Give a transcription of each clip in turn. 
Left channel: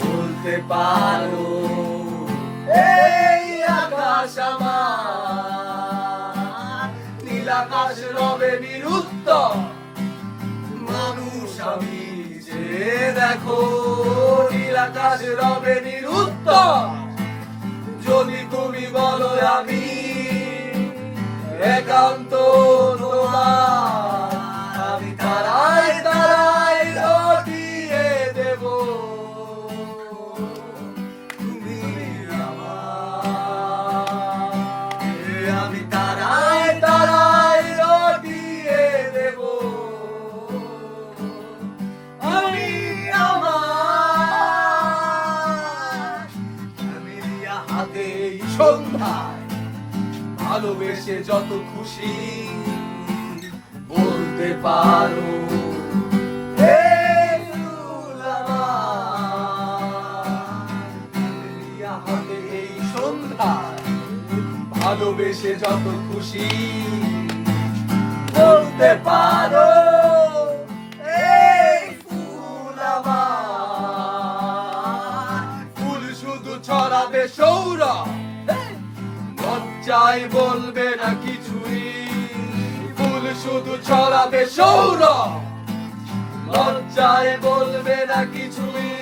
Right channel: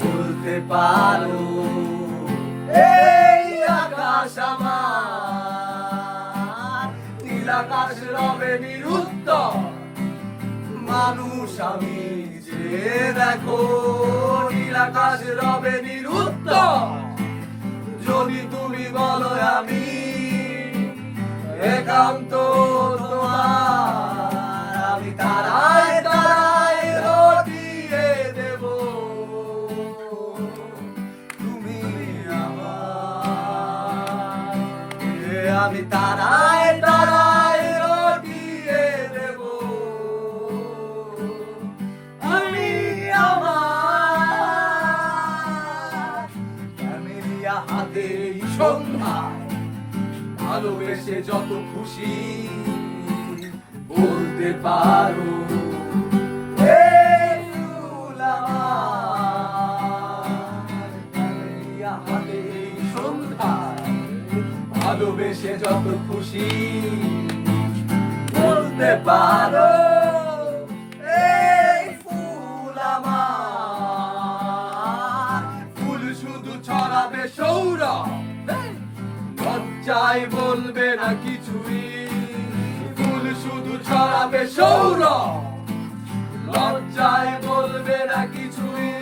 বলতে পারো এই আকাশ আমার, নীল আকাশ রবে নিরুত্তর, মানুষ আমি যে দেখো নীল আকাশ রবে নিরুত্তর। যদি তুমি বলো আমি একান্ত তোমার, আমি তারায় তারায় রটিয়ে দেব, তুমি আমার। আমি তারায় তারায় রটিয়ে দেব, আমি আমার। ক্যামেলিয়া হাতে এই সন্ধ্যায় ভালোবেসে যত খুশি বলতে পারো এই ফুল আমার। ক্যামেলিয়া হাতে এই সন্ধ্যায় ভালোবেসে যত খুশি বলতে পারো এই ফুল আমার। ফুল শুধু ছড়াবে সৌরভ, লজ্জায় বলবে না কিছুই। ফুল শুধু ছড়াবে সৌরভ, লজ্জায় বলবে না কিছুই।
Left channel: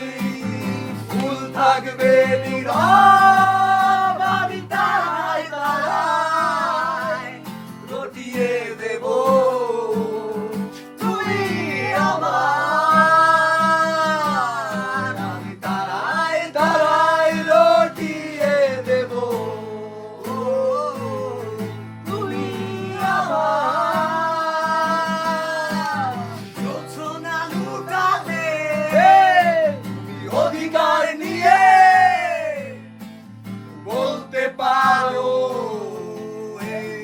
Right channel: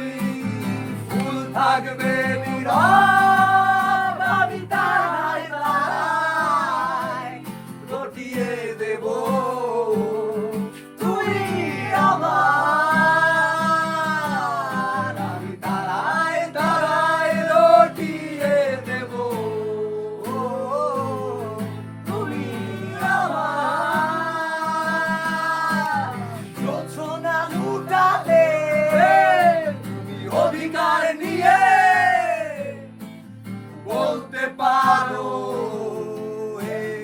ফুল থাকবে নীরব, আমি তারায় তারায় রটিয়ে দেব, তুমি আমার। আমি তারায় তারায় রটিয়ে দেব, তুমি আমার। জোছনা লুটালে তুমি অধিকার নিয়ে বলতে পারো এই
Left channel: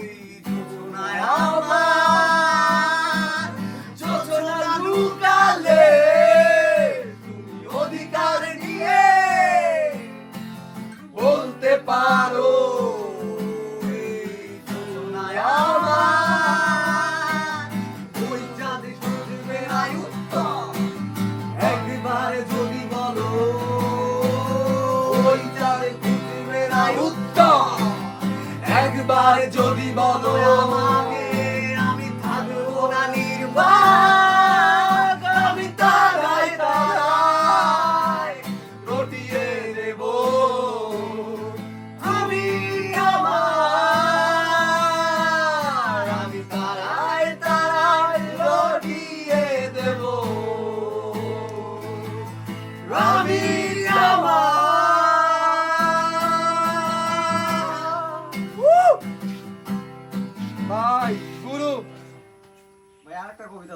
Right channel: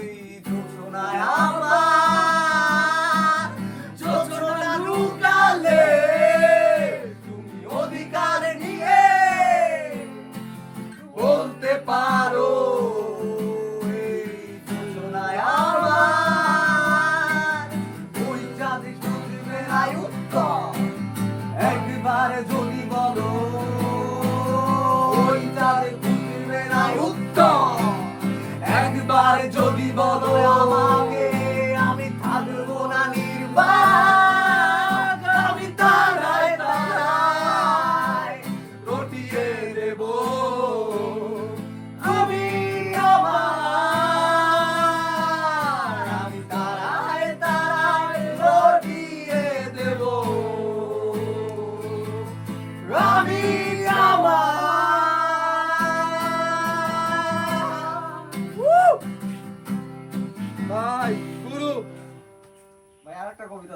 জোছনায় আমার। জোছনা লুটালে তুমি অধিকার নিয়ে বলতে পারো এই জোছনায় আমার। ওই চাঁদে যদি মেলায় উত্তর, একবার যদি বলো ওই চাঁদে যদি মেলায় উত্তর, একবার যদি বলো আমাকে, আমি থাকবো না নির্বাক, আমি তারায় তারায় রটিয়ে দেব, আমি আমার। আমি তারায় তারায় রটিয়ে দেব, আমি আমার। ভাই গুরু ভাই আরেকটা কবিতা